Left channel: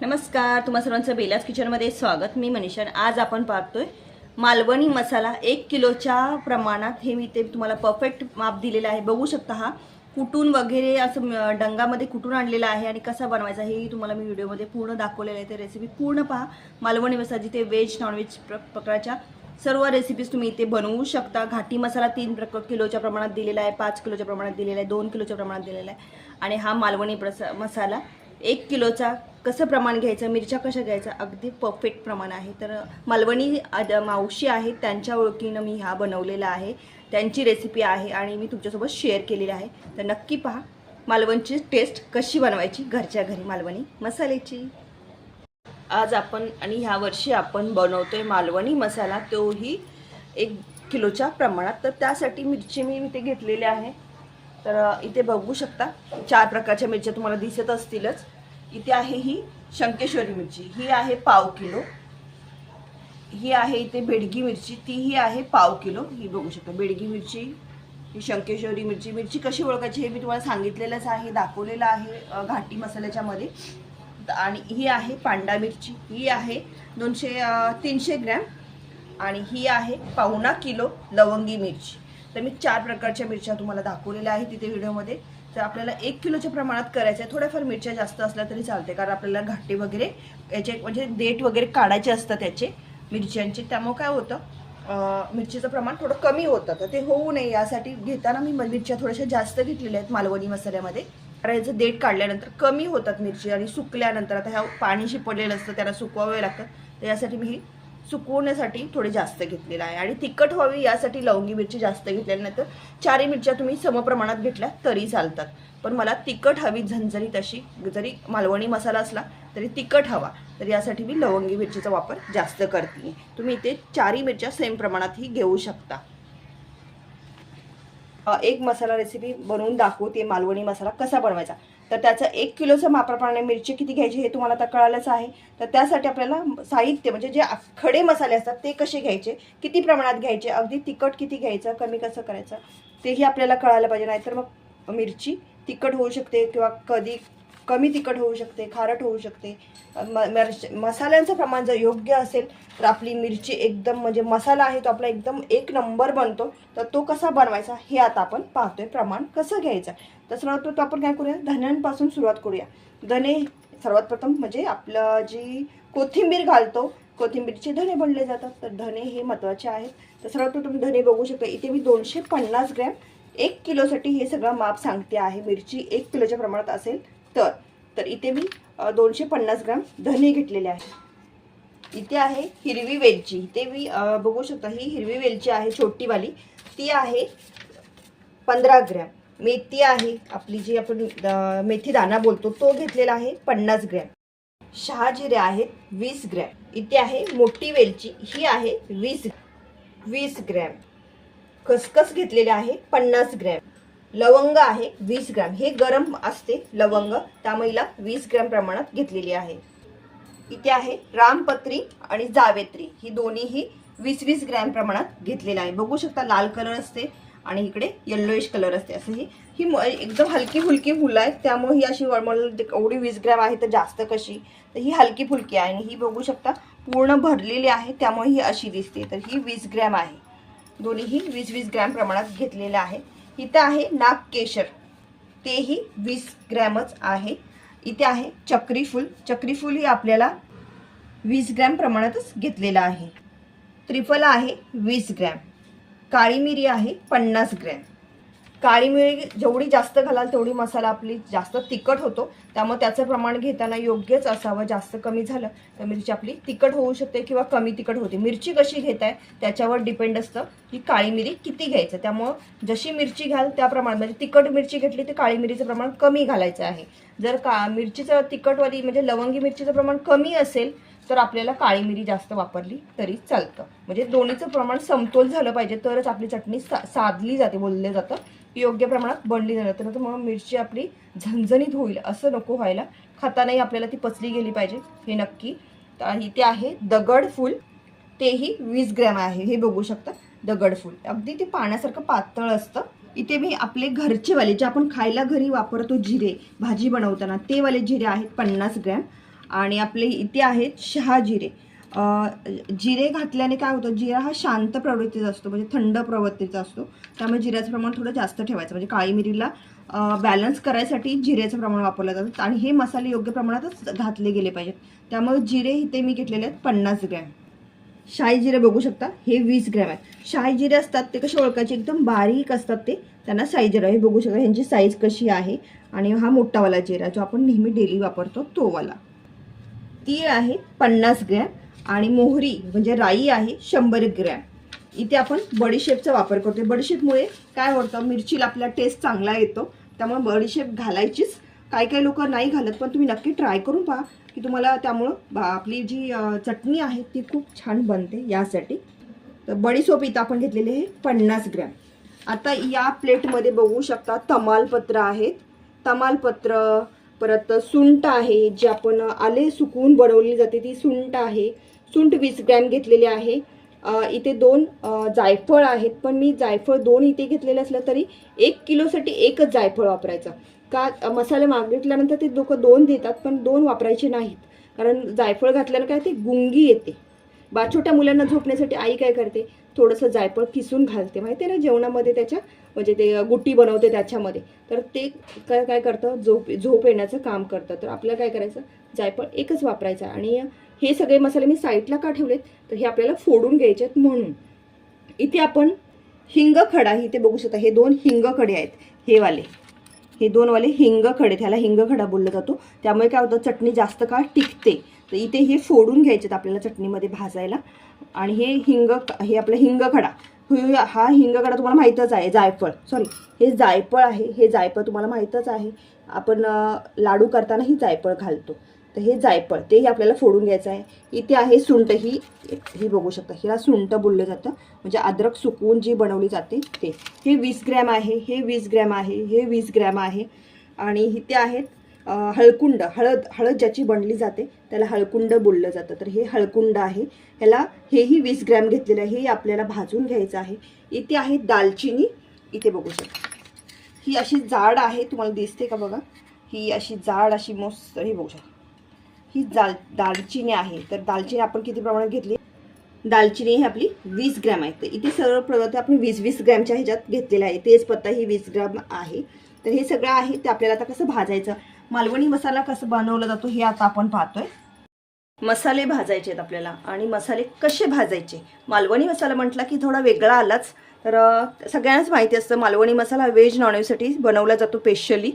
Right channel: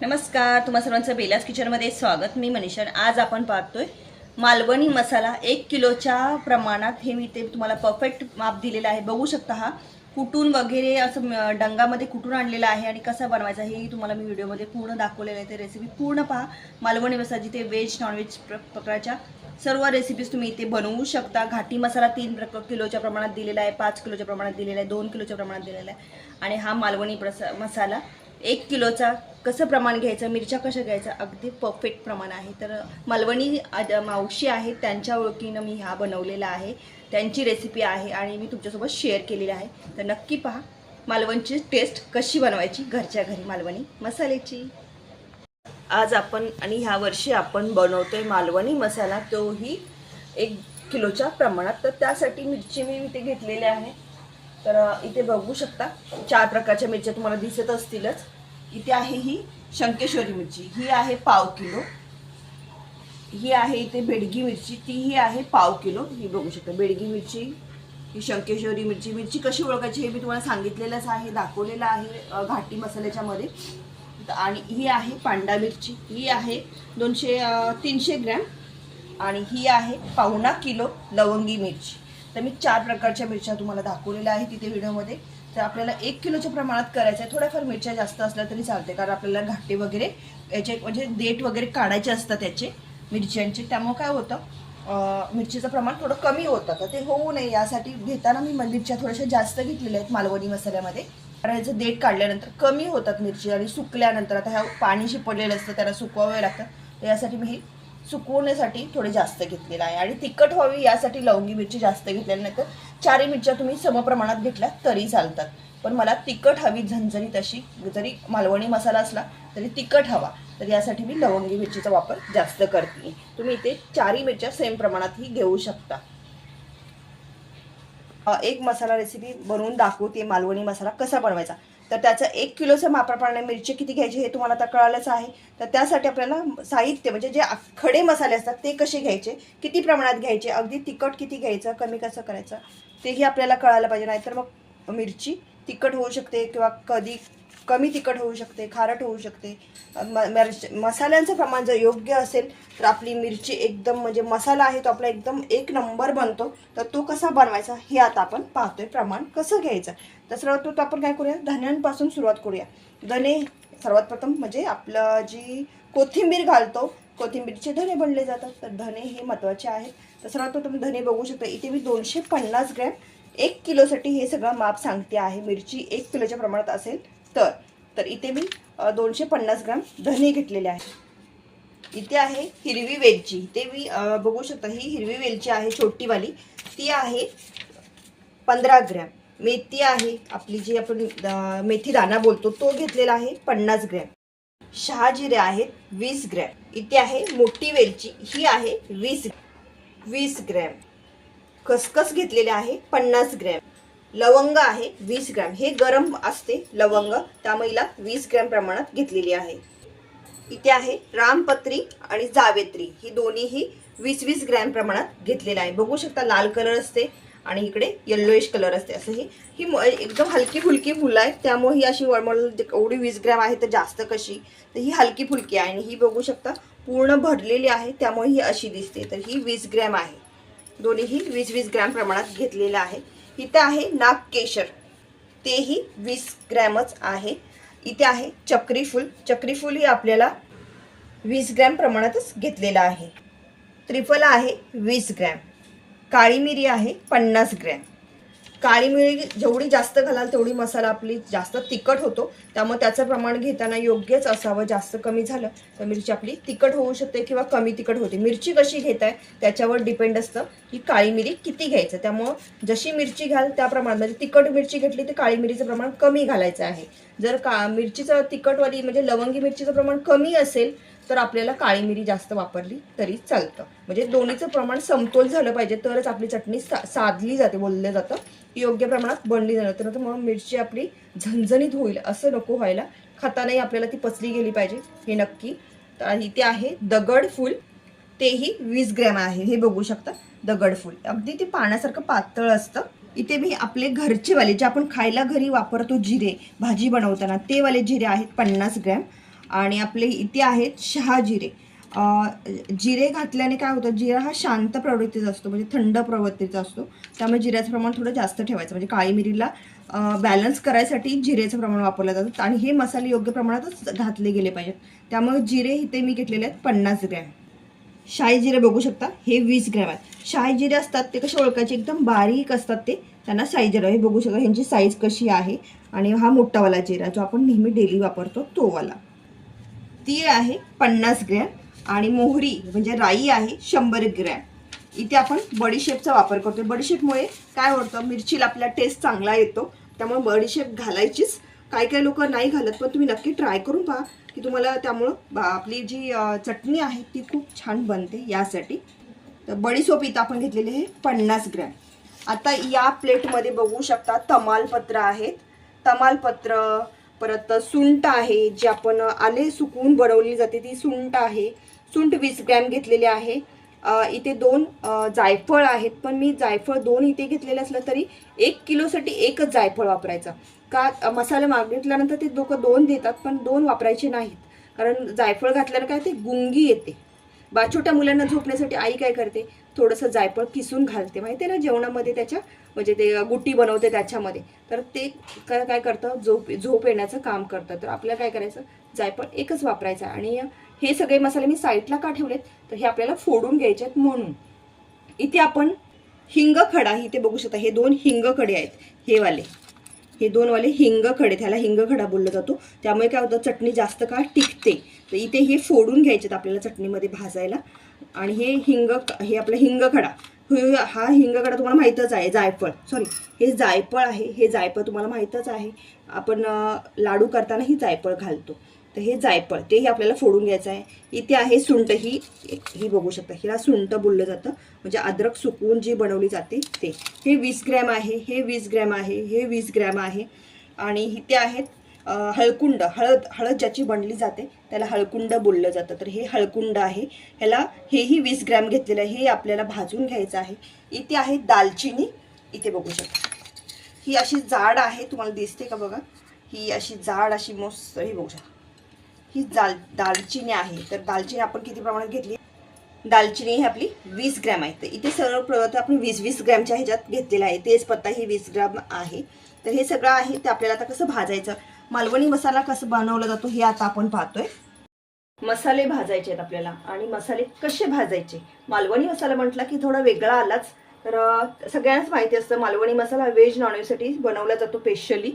नमस्कार तुम्हा सर्वांचं बेलास किचनमध्ये स्वागत. मी मनीषा आज आपण पाहतोय मालवणी मसाला एक किलोच्या प्रमाणात हे मी ते तुम्हाला परफेक्ट माप दिलेलं आहे. बघू शकता हा कुटून वगैरे असं डंगामध्ये कुटून आणलेला आहे आणि कसा बनवायचा हेही तुम्हाला मी व्हिडिओमध्ये पूर्ण दाखवलेलं आहे. ते रेसिपी पूर्ण पहा. मालवणी मसाला जिथे व्हेज नॉनव्हेज प्र प्रकारच्या सर्व रेसिपीज तुम्ही इथे बनवू शकता. घाटी मसाला तीन प्रक किलोच्या प्रमाणात दिलेला आहे पाच किलोच्या प्रमाणात दिलेला आहे दोन किलोच्या प्रमाणात दिलेला आहे. आणि हा मालवणी प्रसा मसाला एक किलोचा कसं प्रमाण घ्यायचं मिरच्या कशा घ्यायचा अगदी परफेक्ट प्रमाण आहे. तर मालवणी मावशी आहेत त्यांच्या ओळखीनं मी हा बनवलेला आहे. त्यांची रेसिपी आहे आणि मी तुमच्यासोबत शेअर केलेली आहे. तर नक्की पहा मालवणची टेस्ट कशी बनवायची घरच्या घरी मालवणी? मसाल्याची. आज आपण आणि ह्या वर्षी आपण आहे मालवणी मसाला तोही एक किलोच्या प्रमाणात. तर त्यासाठी मिरची मी इथे घेतलेली आहे. तर इथे बघू शकता चार प्रकारच्या मिरच्या तुम्हाला दिसत असतीलच. इथे आहे ही शंकेश्वरी मिरची ही आहे पाव किलो. ही आहे इथे बेडगी मिरची तीही आहे पाव किलो. ही बघू शकता बेडगी मिरची ही शंकेश्वरी मिरची. मिरची कशी ओळखायची हे मी तुम्हाला सांगितलेलंच आहे दाखवलेलं आहे घाटी मसाल्याच्या मध्ये. आणि ही आहे पांडा मिरची ही आहे दोनशे तीनशे ग्रॅम. आणि ही आहे पाहुणा किलो लवंगी मिरची. तर मी चार प्रकारच्या मिरच्या तुम्हाला दाखवलेल्या आहेत तिथे व्हिडिओमध्ये. तर आपल्याला एक किलोच्या प्रमाणात करायचं आहे. थोड्याफार मिरच्या जास्त असल्या तरी चालते कारण आपल्याला घाटे वगैरे याचे म्हणजे देठ वगैरे काढायचे असतात त्याचे मिरच्यांचे. त्यामुळं काय होतं मिरचीचं प्रमाण थोडं कमी होतं. तर ते होऊ नये यासाठी घेताना मी मिरच्या थोड्याशा जास्त घेतलेल्या आहेत मालवणी मसाल्यामध्ये. कारण याचं देठ काढल्यानंतर कमी होतात मिरची आणि सुकल्यानंतर आता ह्या पाणी शिपडलेलं असतं त्याला सुकवावे लागतात. तर यासाठी मी सुकवण्यासाठी थोडे जास्त घेतलेलं आहे. आणि तिखट व्हावी यासाठी लवंगी मिरची जास्त घेतलेली नाही तर चारही मिरच्या तुम्ही समप्रमाणात घेतल्या तरी चालतात. पण मला तिखट हवी झणझणीत अशी जरी मालवणी मसाला असला तरी तिखट हवा. तर यासाठी मी लवंगी मिरचीचा वापर जास्त करते तुम्ही इथे चारही मिरच्या सेम प्रमाणातही घेऊ शकता. एक मसाला रेसिपी बनवून दाखवते मालवणी मसाला कसा बनवायचा. तर त्याचं एक किलोचं मापाप्रमाणे मिरची किती घ्यायची हे तुम्हाला आता कळालंच आहे. तर त्यासाठी आपल्याला साहित्य म्हणजे जे खडे मसाले असतात ते कसे घ्यायचे किती प्रमाणात घ्यायचे अगदी तिखट किती घ्यायचं कमी कसं करायचं तेही आपल्याला कळायला पाहिजे. नाहीतर मग मिरची तिखट होऊ शकते किंवा कधी कमी तिखट होऊ शकते खारट होऊ शकते. म मिरच- मसाल्यांचं प्रमाण जर योग्य असेल तर आपली मिरची एकदम म्हणजे मसाला आहे तो आपला एकदम एक नंबर बनतो. तर तो कसा बनवायचा हे आता आपण पाहतोय प्रमाण कसं घ्यायचं. तर सर्वात आपण काय करूया? धन्यांपासून सुरुवात करूया. धने सर्वात प्रथम म्हणजे आपलं जी कोथिंबीर घालतो कोथिंबीरचे धने बनले जातात. तर धने हे महत्त्वाचे आहेत. तर सर्वात प्रथम धने बघू शकता. इथे मी दोनशे पन्नास ग्रॅम एक किलोसाठी हे सगळं माप सांगते आहे. मिरची एक किलोच्या प्रमाणात असेल तर तर इथे मी दोनशे पन्नास ग्राम धने घेतलेले आहे. इथे आहे हिरवी वेलची. इथे मी बघू शकता ही हिरवी वेलची आहे छोटीवाली. ती आहे पंधरा ग्रॅम. मेथी आहे आपली जी आपण मेथी दाणा बोलतो तो घेतलेला आहे पन्नास ग्रॅम. शहाजिरे आहेत वीस ग्रॅम. इथे आहे मोठी वेलची ही आहे वीस वीस ग्रॅम. खसखस घेतलेले आहे पन्नास ग्रॅम. लवंग आहे वीस ग्रॅम. हे गरम असते लवंग. त्या महिला वीस ग्रॅम प्रमाणात घेतलेली आहे. इथे आहे रामपत्री आणि जावेत्री. ही दोन्हीही वीस वीस ग्रॅम प्रमाणात घेतलेलं आहे. बघू शकता लाल कलर असते आणि इकडे येल्लोइश कलर असते. असं ही ही म- एकदम हलकी फुलकी फुलं आहेत. त्यामुळे ही अशी वळमळ एवढी वीस ग्रॅम आहे तर जास्त कशी? तर ही हलकी फुलकी आहे आणि ही बघू शकता पूर्ण भरलेली आहे. त्यामुळे ही अशी दिसते. तर ही वीस ग्रॅम आहे. दोन्हीही वीस वीस ग्रॅम प्रमाणात घेतलेलं आहे. इथे आहे नागकेशर तेही वीस ग्रॅमच आहे. इथे आहे चक्रीफूल चक्रीफूलही आपल्याला वीस ग्रॅम प्रमाणातच घेतलेलं आहे. त्रिफला आहे वीस ग्रॅम. काळी मिरी आहे पन्नास ग्रॅम. काळी मिरी जेवढी जास्त घालाल तेवढी मसाला आपली जास्त तिखट होतो. त्यामुळे त्याचं प्रमाण घेताना योग्यच असावं जास्त कमी झालं तर मिरची आपली तिखट होऊ शकते किंवा कमी तिखट होते. मिरची कशी घेताय त्याच्यावर डिपेंड असतं की काळी मिरी किती घ्यायचं. त्यामुळं जशी मिरची घाल त्या प्रमाणात म्हणजे तिखट मिरची घेतली तर काळी मिरीचं प्रमाण कमी घालायचं आहे. जर का मिरचीचं तिखटवाली म्हणजे लवंगी मिरचीचं प्रमाण कमी असेल तर आपल्याला काळी मिरी जास्त वापरली तरी चालतं. म्हणजे दोन्हीचं प्रमाण समतोल झालं पाहिजे तरच आपली चटणी सा साधली जाते बोललं जातं. ती योग्य प्रमाणात बनली जाणार. तर मग मिरची आपली झणझणीत होईल असं नको व्हायला. खातानाही आपल्याला ती पचली गेली पाहिजे हे नक्की. तर इथे आहे दगड फूल. तेही वीस ग्रॅम आहे हे बघू शकता. दगड फूल. अगदी ते पाण्यासारखं पातळ असतं. इथे मी आपले घरचे वाले जे आपण खायला घरी वापरतो जिरे भाजी बनवताना ते वाले जिरे आहेत पन्नास ग्रॅम. आणि आपले इथे आहेत शहा जिरे. जिरे घातल्याने काय होतं जिरा हा शांत प्रवृत्तीचा असतो म्हणजे थंड प्रवृत्तीचा असतो. त्यामुळे जिऱ्याचं प्रमाण थोडं जास्त ठेवायचं. म्हणजे काळी मिरीला बॅलन्स करायसाठी जिरेचं प्रमाण वापरलं जातं. आणि हे मसाले योग्य प्रमाणातच घातले गेले पाहिजेत. त्यामुळे जिरे इथे मी घेतलेले आहेत पन्नास ग्रॅम. शाही जिरे बघू शकता हे वीस ग्रॅम आहेत. शाही जिरे असतात ते कसे ओळखायचे? एकदम बारीक असतात ते. त्यांना साईज जिरा हे बघू शकता ह्यांची साईज कशी आहे. आणि हा मोठावाला जिरा जो आपण नेहमी डेली वापरतो तोवाला. तीळ आहे पन्नास ग्रॅम. आणि मोहरी म्हणजे राई आहे शंभर ग्रॅम. इथे आपण बडीशेपचा वापर करतो बडीशेपमुळे काय होतं? मिरचीला आपला टेस्ट चांगला येतो. त्यामुळे बडीशेप घालायचीच. काही काही लोक नाही घालत पण तुम्ही नक्की ट्राय करून पहा की तुम्हाला त्यामुळं बा- आपली जी चटणी आहे ती खूप छान बनते यासाठी. तर बडीसोप इथं आपण घेतलेली आहे पन्नास ग्रॅम. आता या प्लेटमध्ये बघू शकता तमालपत्र आहेत. तमालपत्र परत सुंट आहे जी आपण आले सुकवून बनवली जाते ती सुंठ आहे. सुंठ वीस ग्रॅम घेतलेले आहे. इथे दोन जायफळ आहेत पण मी जायफळ दोन इथे घेतलेलं असलं तरी एक किलोसाठी एकच जायफळ वापरायचं. का मसाले मागितल्यानंतर ते लोक दोन देतात पण दोन वापरायचे नाहीत. कारण जायफळ घातल्यानं काय ते गुंगी येते. बा छोट्या मुलांना झोपण्यासाठी आई काय करते? थोडंसं जायफळ किसून घालते. माहिती आहे ना जेवणामध्ये त्याच्या म्हणजे ते गुट्टी बनवते त्याच्यामध्ये. तर ते काय काय करतं? झोप झोप येण्याचं काम करतं. तर आपल्याला काय करायचं? जायफळ एकच वापरायचं आहे. आणि हे सगळे मसाले मी साईडला का ठेवलेत? तर हे आपल्याला फोडून घ्यायचे आहेत म्हणून. इथे आपण हिंग खडा इथे बघू शकता. हे दोन हिंग खडे आहेत. हे वाले. हे दोन वाले हिंग खडे. त्याला हिंग खडा बोलला जातो. त्यामुळे काय होतं? चटणी जास्त काळ टिकते. तर इथे हे फोडून घ्यायचे आपल्याला चटणीमध्ये भाजायला. आणि हे हिंग हे आपलं हिंग खडा. हा हिंग खडा तुम्हाला माहीतच आहे. जायफळ. सॉरी हे जायफळ आहे. हे जायफळ तुम्हाला माहीतच आहे. आपण लाडू करतानाही जायफळ घालतो. तर हे जायफळ तेही आपल्याला फोडून घ्यायचं आहे. इथे आहे सुंट ही ही बघू शकता. हिला सुंट बोललं जातं. म्हणजे अद्रक सुकवून जी बनवली जाते ते. हे वीस ग्रॅम आहे हे वीस ग्रॅम आहे हे वीस ग्रॅम आहे. आणि इथे आहेत हळकुंड. हळद हळद ज्याची बनली जाते त्याला हळकुंड बोललं जातं. तर हे हळकुंड आहे. ह्याला हेही वीस ग्रॅम घेतलेलं आहे. हे आपल्याला भाजून घ्यायचं आहे. इथे आहे दालचिनी. इथे बघू शकता. ही अशी जाड आहे. तुम्हाला दिसते का बघा? ही अशी जाड अशी मस्त हे बघू शकता. ही दाल दालचिनी आहे. तर दालचिनी आपण किती प्रमाणात घेतली? दालचिनी ही आपली वीस ग्रॅम आहे. तर इथे सर्व पदार्थ आपण वीस वीस ग्रॅमच्या ह्याच्यात घेतलेला आहे. तेजपत्ता ही वीस ग्रॅम आहे. तर हे सगळं आहे. ते आपल्याला आता कसं भाजायचं? मालवणी मसाला कसं बनवला जातो हे आता आपण पाहतोय. मसाले भाजायचे आहेत आपल्याला. आणि मसाले कसे भाजायचे? मालवणी मसाला म्हटला की थोडा वेगळा आलाच. तर सगळ्यांनाच माहिती असतं मालवणी मसाला व्हेज नॉनव्हेजसाठी बनवला जातो स्पेशली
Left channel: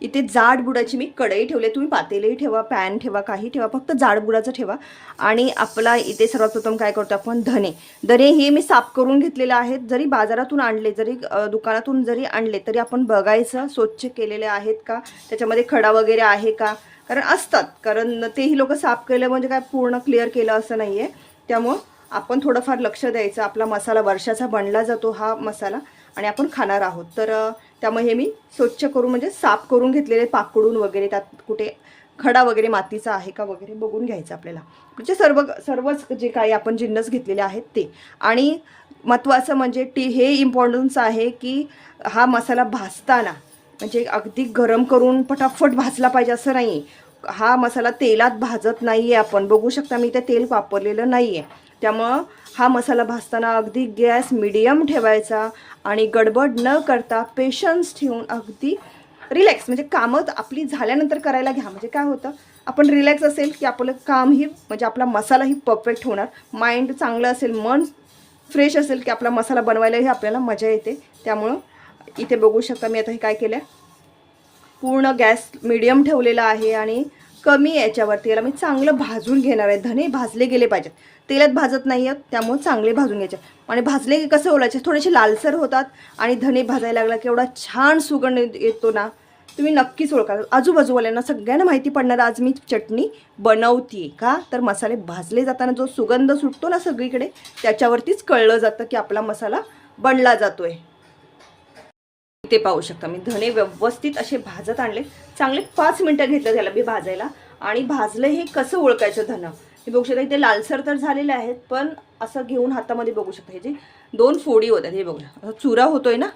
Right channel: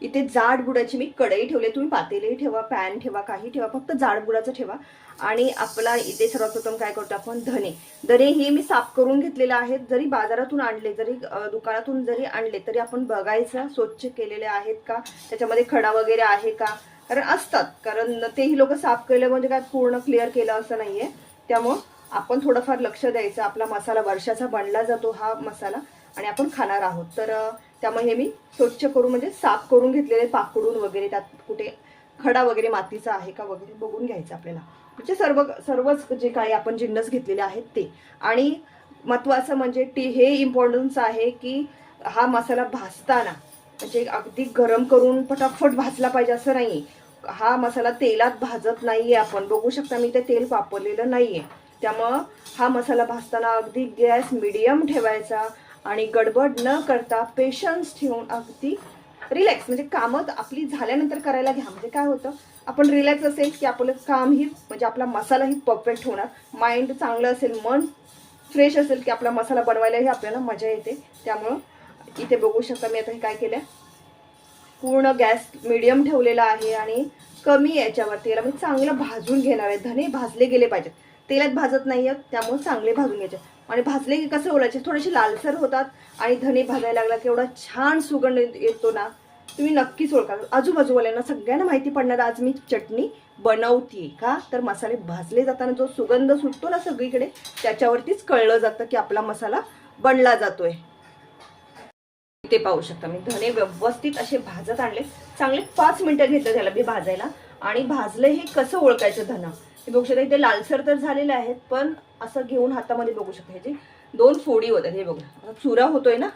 इथे जाड बुडाची मी कढई ठेवली तुम्ही पातेलही ठेवा पॅन ठेवा काही ठेवा फक्त जाड बुडाचं ठेवा. आणि आपला इथे सर्वप्रथम काय करतो आपण? धने. धने हे मी साफ करून घेतलेले आहेत. जरी बाजारातून आणले जरी दुकानातून जरी आणले तरी आपण बघायचं स्वच्छ केलेले आहेत का? त्याच्यामध्ये खडा वगैरे आहे का? कारण असतात. कारण तेही लोक साफ केलं म्हणजे काय पूर्ण क्लिअर केलं असं नाही आहे त्यामुळं आपण थोडंफार लक्ष द्यायचं. आपला मसाला वर्षाचा बनला जातो हा मसाला आणि आपण खाणार आहोत. तर त्यामुळे हे मी स्वच्छ करून म्हणजे साफ करून घेतलेले पाकडून वगैरे त्यात कुठे खडा वगैरे मातीचा आहे का वगैरे बघून घ्यायचं आपल्याला. म्हणजे सर्व सर्वच जे काही आपण जिन्नस घेतलेले आहेत ते. आणि महत्त्वाचं म्हणजे टी हे इम्पॉर्टन्स आहे की हा मसाला भाजताना म्हणजे अगदी गरम करून पटापट भाजला पाहिजे असं नाही हा मसाला तेलात भाजत नाही आहे आपण. बघू शकता मी ते तेल वापरलेलं नाही आहे त्यामुळं हा मसाला भाजताना अगदी गॅस मिडियम ठेवायचा. आणि गडबड न करता पेशन्स ठेवून अगदी रिलॅक्स म्हणजे कामं तर आपली झाल्यानंतर करायला घ्या. म्हणजे काय होतं? आपण रिलॅक्स असेल की आपलं कामही म्हणजे आपला मसालाही परफेक्ट होणार. माइंड चांगलं असेल मन फ्रेश असेल की आपला मसाला बनवायलाही आपल्याला मजा येते. त्यामुळं इथे बघू शकता मी आता हे काय केलं पूर्ण गॅस मिडियम ठेवलेला आहे आणि कमी याच्यावरती याला मी चांगलं भाजून घेणार आहे. धने भाजले गेले पाहिजेत. तेलात भाजत नाही आहेत त्यामुळे चांगले भाजून घ्यायचे. आणि भाजले की कसं ओलायचे? थोडेसे लालसर होतात आणि धने भाजायला लागला की एवढा छान सुगंध येतो ना तुम्ही नक्कीच ओळखाल आजूबाजूवाल्यांना सगळ्यांना माहिती पडणार आज मी चटणी बनवते का? तर मसाले भाजले जाताना जो सुगंध सुटतो ना सगळीकडे त्याच्यावरतीच कळलं जातं की आपला मसाला बनला जातोय. ते पाहू शकता. मी धने व्यवस्थित असे भाजत आणले. चांगले पाच मिनिटं घेतलं त्याला मी भाजायला. आणि भाजलं हे कसं ओळखायचं धनं हे बघू शकता इथे लालसर तर झालेले आहेत पण असं घेऊन हातामध्ये बघू शकता. हे जे दोन फोडी होतात हे बघा. आता चुरा होतोय ना?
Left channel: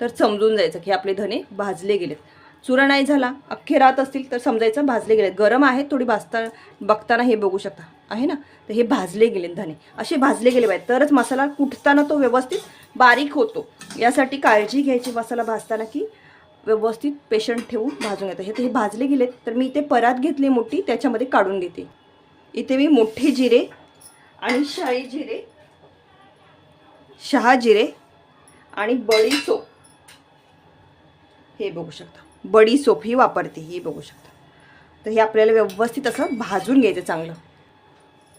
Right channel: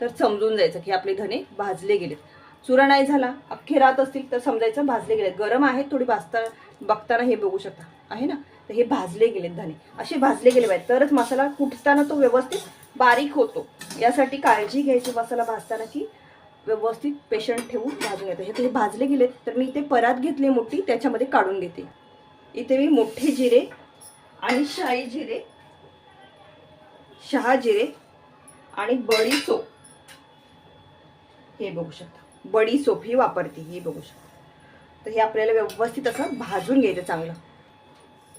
तर समजून जायचं की आपले धने भाजले गेलेत. चुरा नाही झाला अख्खे राहत असतील तर समजायचं भाजले गेले गरम आहेत थोडी भाजता बघताना हे बघू शकता. आहे ना? तर हे भाजले गेले धने. असे भाजले गेले पाहिजे तरच मसाला कुटताना तो व्यवस्थित बारीक होतो. यासाठी काळजी घ्यायची मसाला भाजताना की व्यवस्थित पेशंट ठेवून भाजून घेतो हे तर हे भाजले गेले तर मी इथे परात घेतली मोठी त्याच्यामध्ये काढून घेते इथे मी मोठे जिरे आणि शाही जिरे शहा जिरे आणि बडी सोप हे बघू शकता. बडी सोप ही वापरते ही बघू शकता. तर हे आपल्याला व्यवस्थित असं भाजून घ्यायचं चांगलं.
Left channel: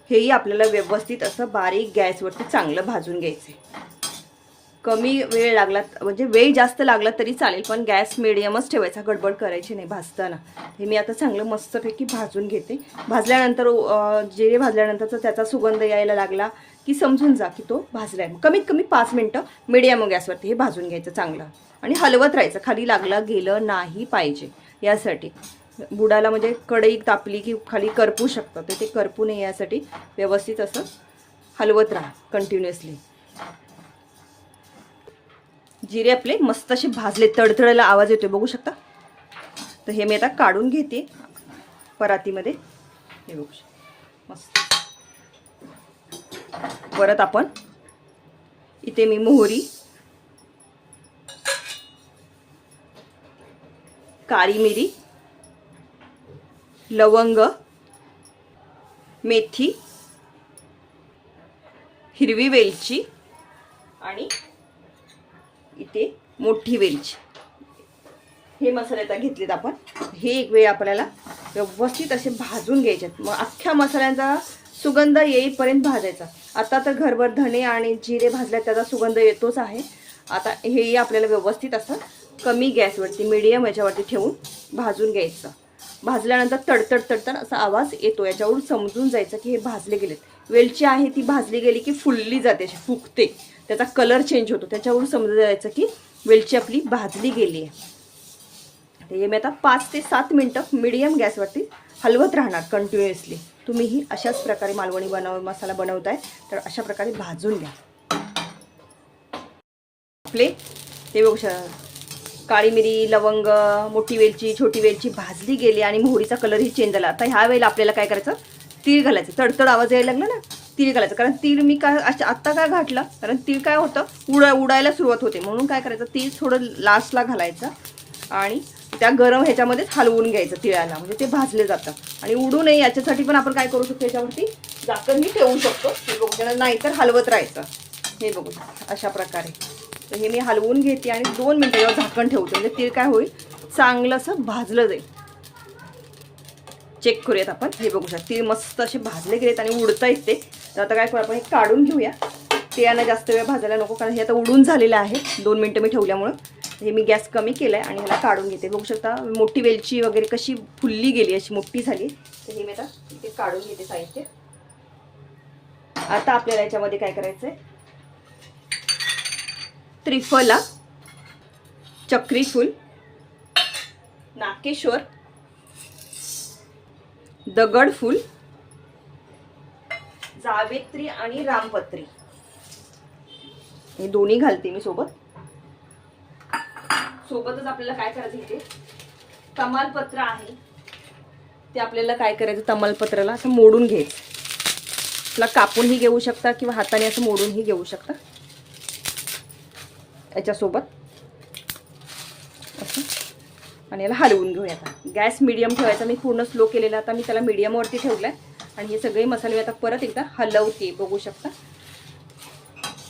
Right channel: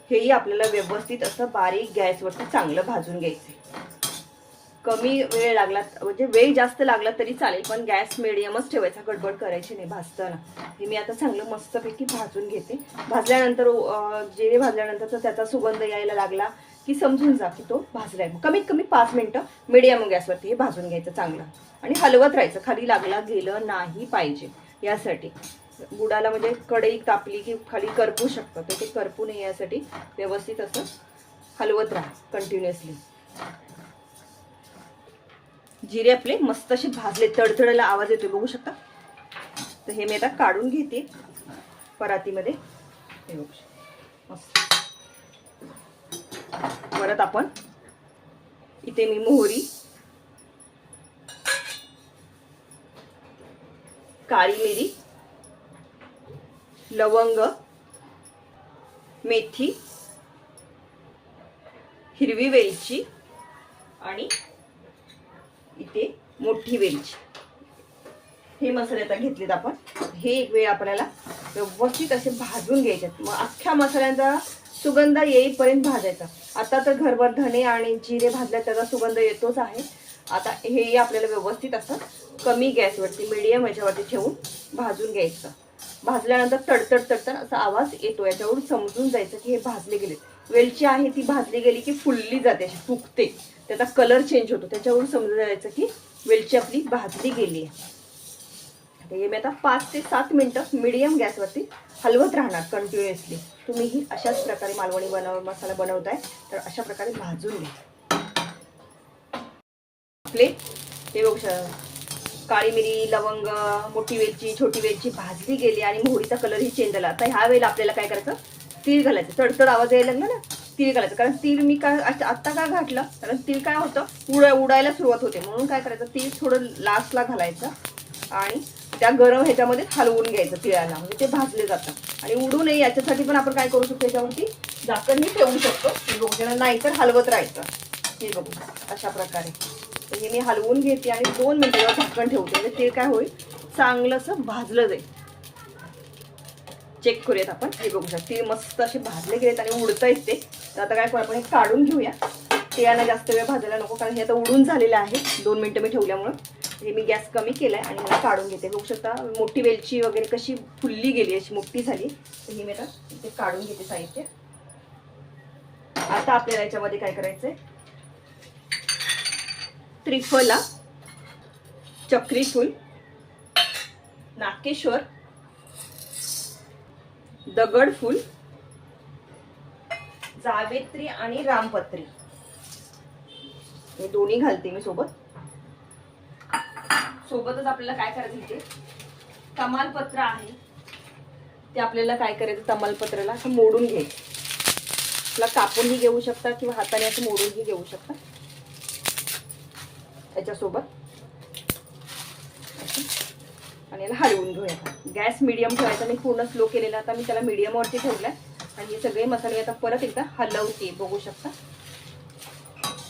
हेही आपल्याला व्यवस्थित असं बारीक गॅसवरती चांगलं भाजून घ्यायचं कमी वेळ लागला म्हणजे वेळ जास्त लागला तरी चालेल पण गॅस मिडियमच ठेवायचा गडबड करायची नाही भाजताना. हे मी आता चांगलं मस्तपैकी भाजून घेते. भाजल्यानंतर जे जिरे भाजल्यानंतरचा त्याचा सुगंध यायला लागला की समजून जा की तो भाजला आहे कमीत कमी पाच मिनटं मिडियम गॅसवरती हे भाजून घ्यायचं चांगलं. आणि हलवत राहायचं खाली लागला गेलं नाही पाहिजे यासाठी. बुडाला म्हणजे कढई तापली की खाली करपू शकतं तर ते करपू नये यासाठी व्यवस्थित असं हलवत राहा कंटिन्युअसली जिरे आपले मस्त असे भाजले तडतडायला आवाज येतोय बघू शकता? तर हे मी आता काढून घेते परातीमध्ये. हे बघू शकता. मस्त. परत आपण इथे मी मोहरी काळी मिरी लवंग मेथी हिरवी वेलची आणि ती मोठी वेलची. हे मसाले आता घेतलेत आपण. हे एक वेळ आपल्याला व्यवस्थित असे भाजून घ्यायचे मग अख्ख्या मसाल्यांचा सुगंध येईपर्यंत भाजायचा. आता तर घरभर धने आणि जिरे भाजल्या त्याचा सुगंध येतोच आहे. आता हेही आपल्याला व्यवस्थित असं कमी गॅसवरती मिडियम याच्यावरती ठेवून भाजून घ्यायचं. भाजल्यानंतर तडतड तडतड असा आवाज येतो. याच्यावरून समजून जायचं की हे भाजले गेलेत. वेलची आहे ती भाजली गेली की फुलली जाते अशी फुकते त्याचा कलर चेंज होतो. त्याच्यावरून समजून जायचं की वेलची आपली भाजली गेली आहे. हे मी आता पाच ते सात मिनटं मिडियम गॅसवरती हलवत राहणार कंटिन्युअसली तुम्हीही अशाच प्रकारे मालवणी बनव मसाला बनवताय तर अशा प्रकारे भाजून घ्या. आपले ते बघू काळी मिरी लवंग मोठी वेलची छोटी वेलची भाजली गेली आणि मोहरीचा कलरही चेंज झाला. आता ह्या वेळेला आपल्याला काय करायचं? तीळ घालायचं. तडतड आवाज यायला लागला ना? तीळ घालायचं. कारण तीळ मी काय आत्ता काय घातलं कारण तीळ काय होतं उडा उडायला सुरुवात होते. म्हणून काय करायचं तीळ थोडं लास्टला घालायचं आणि त्या गरम ह्याच्यामध्येच हलवून घ्यायचं तिळाला. म्हणजे ते भाजले जातं. आणि उडू नये याच्यासाठी पण आपण काय करू शकतो याच्यावरती झाकणही ठेवू शकतो. नाही तर हलवत राहायचं. हे बघू अशा प्रकारे. तर हे मी हलवून घेते आणि दोन मिनिटं झाकण ठेवते. म्हणजे ते काय होईल चांगलं असं भाजलं जाईल. चेक करूयात आपण. हे बघू शकता. तीळ मस्त असे भाजले गेलेत आणि उडता येते ते. तर आता काय करू आपण हे काढून घेऊया. तिळांना जास्त वेळ भाजायला नको कारण हे आता उडून झालेलं आहे. दोन मिनटं मी ठेवल्यामुळं. हे मी गॅस कमी केला आहे आणि मला काढून घेते. बघू शकता मोठी वेलची वगैरे कशी फुलली गेली अशी मोठी झाली. तर हे मी आता इथे काढून घेते साहित्य. आता आपल्याला याच्यामध्ये काय करायचंय? त्रिफला चक्री फुल नाकेश्वर दगडफूल जावेत्री आणि रामपत्री. हे दोन्ही घालते मी सोबत. सोबतच आपल्याला काय करायचं इथे? तमालपत्र आहे. ते आपल्याला काय करायचं तमालपत्राला? असं मोडून घ्यायचं. आपला कापूनही घेऊ शकता किंवा हाताने असं मोडूनही घेऊ शकता. याच्यासोबत. आणि याला हलवून घेऊया. गॅस मिडियम ठेवायचा. मी पूर्ण स्लो केलेला. आता मी त्याला मिडियमवरती ठेवलाय. आणि हे सगळे मसाले आता परत एकदा हलवते बघू शकता.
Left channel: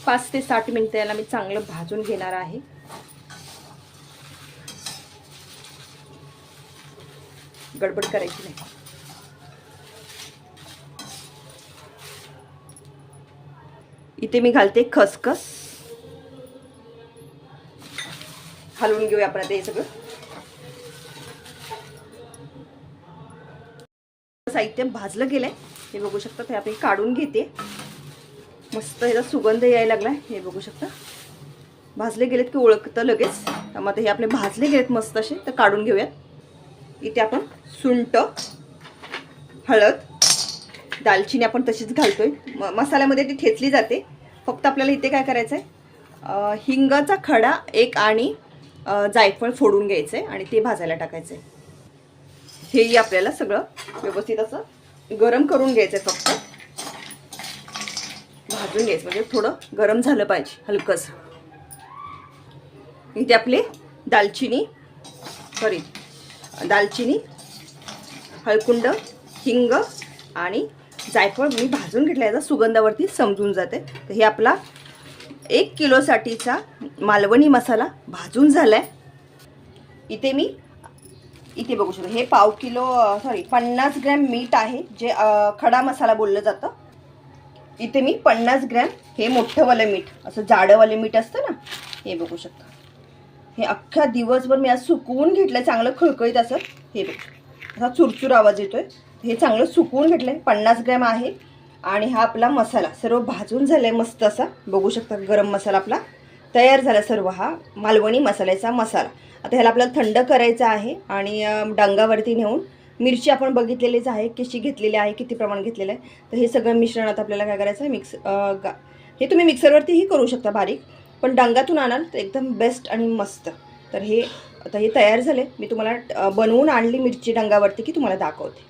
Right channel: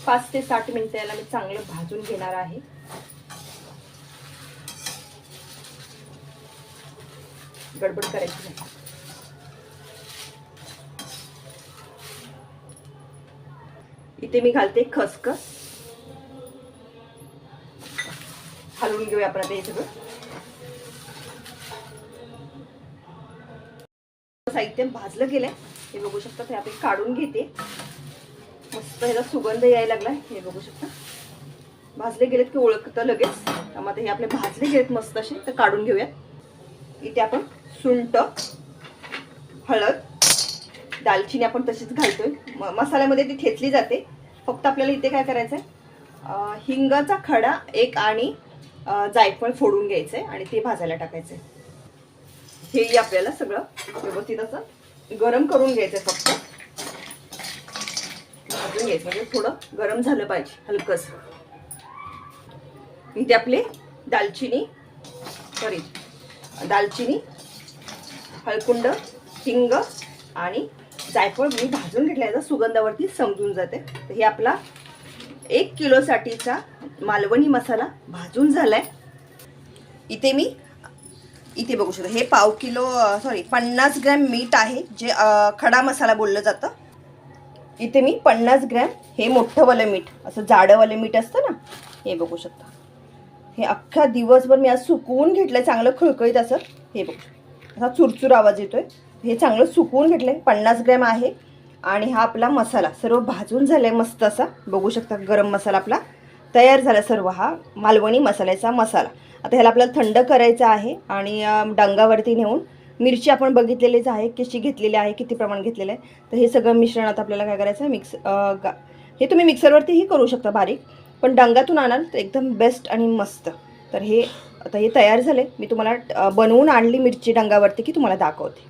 पाच ते साठ मिनिटं याला मी चांगलं भाजून घेणार आहे. गडबड करायची नाही. इथे मी घालते खसखस. हलवून घेऊया आपण हे सगळं. साहित्य भाजलं गेलंय. हे बघू शकता ते आपण काढून घेते. मस्त ह्याचा सुगंध यायला लागलाय. हे बघू शकता. भाजले गेलेत की ओळखतं लगेच. मग आता हे आपले भाजले गेलेत मस्त असे तर काढून घेऊयात. इथे आपण सुंट हळद दालचिनी आपण तशीच घालतोय. म- मसाल्यामध्ये ती ठेचली जाते. फक्त आपल्याला इथे काय करायचं आहे हिंगाचा खडा एक आणि जायफळ फोडून घ्यायचं आहे आणि ते भाजायला टाकायचं आहे हेही आपल्याला सगळं व्यवस्थित असं गरम करून घ्यायचं आहे फक्त. भाजून घ्यायचं म्हणजे थोडं गरम झालं पाहिजे हलकंसं. इथे आपली दालचिनी सॉरी दालचिनी हळकुंड हिंग आणि जायफळ मी भाजून घेतल्याचा सुगंधावरती समजून जाते. तर हे आपला एक किलोसाठीचा मालवणी मसाला भाजून झाला आहे इथे मी इथे बघू शकता. हे पाव किलो सॉरी पन्नास ग्रॅम मीठ आहे जे खडा मसाला बोललं जातं. इथे मी पन्नास ग्रॅम हे मोठंवालं मीठ असं जाडंवालं मीठ असतं ना हे बघू शकता. हे अख्ख्या दिवसभर मी आज सुकवून घेतलं चांगलं खळखळीत असं हे बघू असा चुरचूर आवाज येतोय. हे चांगलं सुकवून आहे पन्नास ग्रॅम आहे. आणि हा आपला मसाला सर्व भाजून झालाय मस्त असा बघू शकता गरम मसाला आपला. तयार झाला सर्व हा मालवणी मसाल्याचा मसाला. आता ह्याला आपल्याला थंड करायचा आहे आणि डांगावरती नेऊन मिरची आपण बघितलेलीच आहे कशी घेतलेली आहे किती प्रमाण घेतलेलं आहे. तर हे सगळं मिश्रण आता आपल्याला काय करायचं आहे मिक्स गा हे तुम्ही मिक्सरवरतीही करू शकता बारीक पण डांगातून आणाल तर एकदम बेस्ट आणि मस्त. तर हे आता हे तयार झाले. मी तुम्हाला बनवून आणली मिरची डांगावरती की तुम्हाला दाखवते.